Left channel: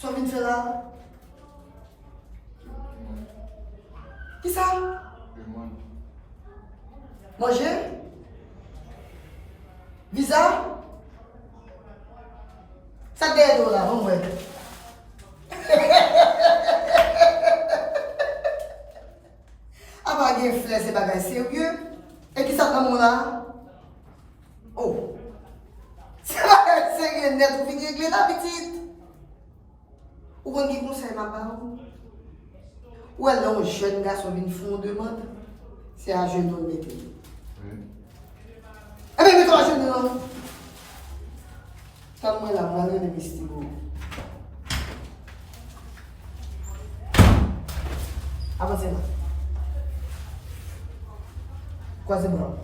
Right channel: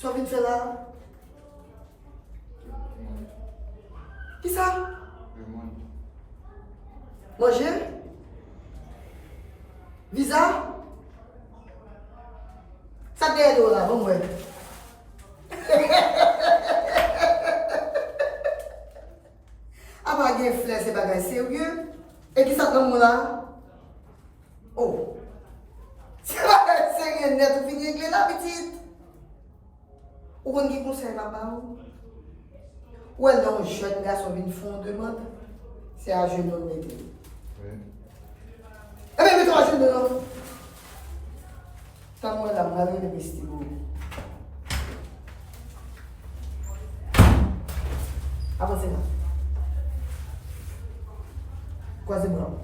So vin fè la? Ki sa? Manje? Visa? Sa te do la, bon mwen. Apa gen fles de bagay serye? E ki sa nan moun la? Oh. Se bagay serye net ou vini regle la pitit. Ou kon ki konsey ma pa ou? Ou el nan jen gason vin fon demande? Se a jen non mette. E ben mette a jen nan. Tan mwen la mwane de vestigo. Avancez là. Quase blanc.